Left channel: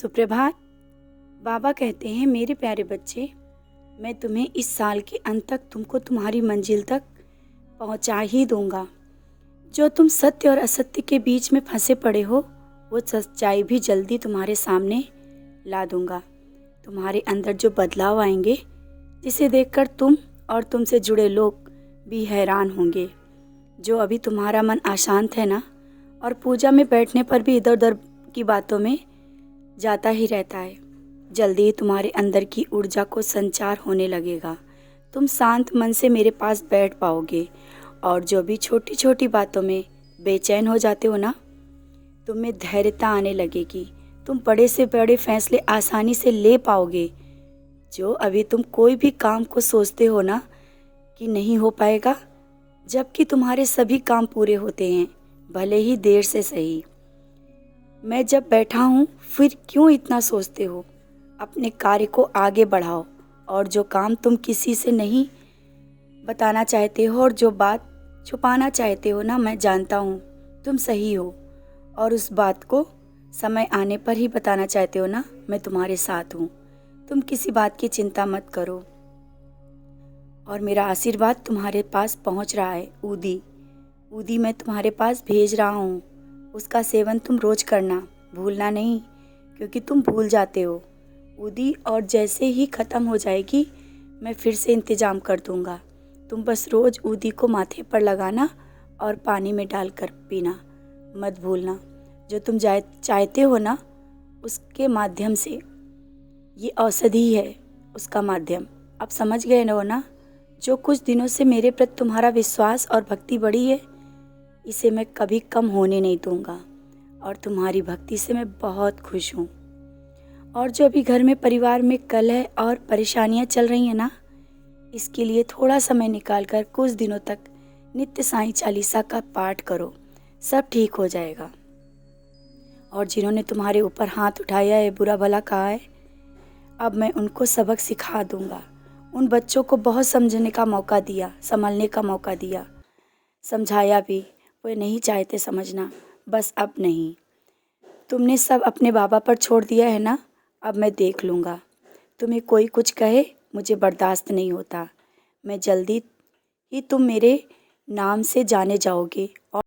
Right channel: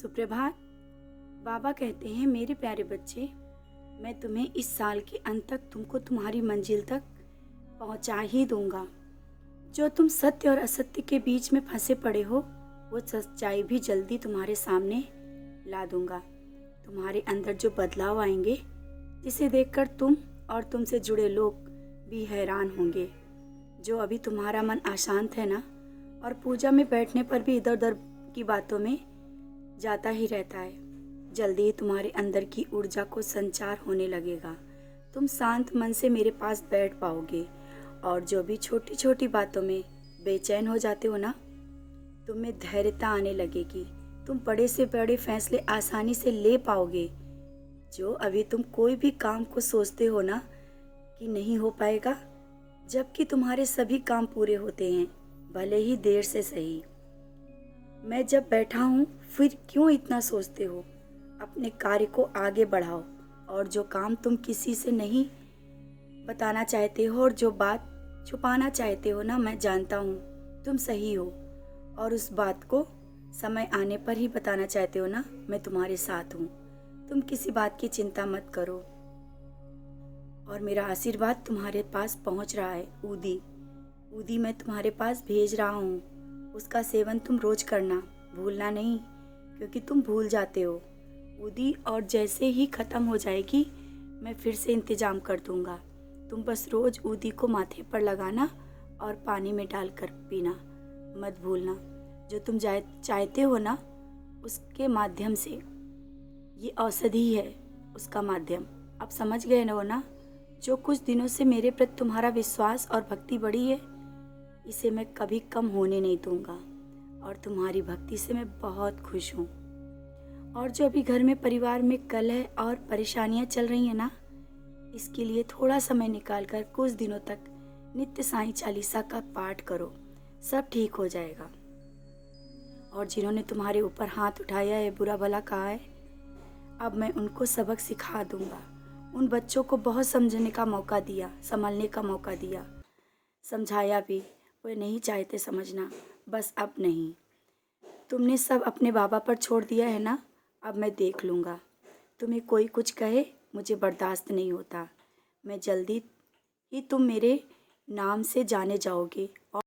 सुप्रभात। बाबा कहते हैं, मेरे प्यारे बच्चे, मैं तुम्हें इस साल के अंत तक तुमको तुम्हारी मंजिल तक पहुंचा ही दूंगा। जो तुम सत्य और असत्य के बीच में फंसे पड़े हो, वो सच्चाई भी जल्दी तुम्हारे सामने ला दूंगा। तुम्हारे अंदर जो बदलाव आएंगे, जिसे देखकर तुम और तुमसे जुड़े लोग भी हैरान होंगे। जो अभी तुम्हारा मन अशांत है ना, और पूजा में बैठने पर भी इधर उधर की बातों में जाता ही रहता है, जल्दी ही तुम्हारे अंदर की ऊर्जा को संचार होने लगेगा। तुम शांत मन से मेरे पास बैठ पाओगे, और जो भी छोटी छोटी बातों में बेचैन हो जाते हो ना, तुम में धैर्यता आने लगेगी। तुम बड़े से बड़े फैसले आसानी से ले पाओगे। जो अभी तुम कोई भी काम को सोचते हो ना कि नहीं हो पाएगा, जबकि तुम्हारे सभी काम पूरे होते हैं, भले ही देर से सही। मैं जब बैठा हूँ, फिर क्यों इतना सोचते हो? अपने कार्य को आगे बढ़ाओ, और जो काम तुम किसी से नहीं बताना चाहते हो और जो बात छुपाना चाहते हो ना, मैं जानता हूँ तुम सही हो, और उस बात को समय आने पर ही बताना चाहते हो ना, मैं तुम्हारे साथ हूँ। तुम किसी बात की चिंता मत करो, और मेरा आशीर्वाद तुम्हारे पास पहुँच रहा है। ऊदी मैं तुम्हारे पास भेज रहा हूँ। उसका सेवन तुम रोज करना, भूलना नहीं, क्योंकि तुम भूल जाते हो ऊदी। और जैसे ही ख़त्म हो जाएगी, मैं फिर से इंतज़ाम कर दूँगा। तुम बस रोज़ ऊदी को माथे पर लगाना और पानी में डालकर पीना, मत भूलना। जो तुम चाहते हो ना, उसके माध्यम से, ये औषधि है, उसका माध्यम। अब समझ गए ना? जो कुछ दिनों से मेरे प्रति तुम्हारा विश्वास और भक्ति बढ़ी है, इसे मैं कभी कम होने नहीं दूंगा, और तुम्हारी भक्ति से मैं बहुत खुश हूँ। और जो अभी घर में परिवार में कलह और परेशानियाँ चल रही हैं ना, इसके लिए थोड़ा समय निकालकर कुछ दिनों तक नित्य साईं चालीसा का पाठ करो, सब ठीक हो जाएगा। और जिन्होंने तुम्हारे ऊपर हाथ उठाया है, बुरा भला कहा है, अब मैं उनको सबक सिखा दूंगा। उन बच्चों को बहुत समझने का मौका दिया, संभलने का मौका दिया, समझाया भी, वे नहीं चाहते समझना। बस अब नहीं, तुमने सब अपने बाबा पर छोड़ दिया है ना, अब मैं देख लूँगा। तुम्हें कोई कुछ कहे, मुझे बर्दाश्त नहीं होता। मैं जल्दी ही तुम मेरे नाम से जाने जाओगे, और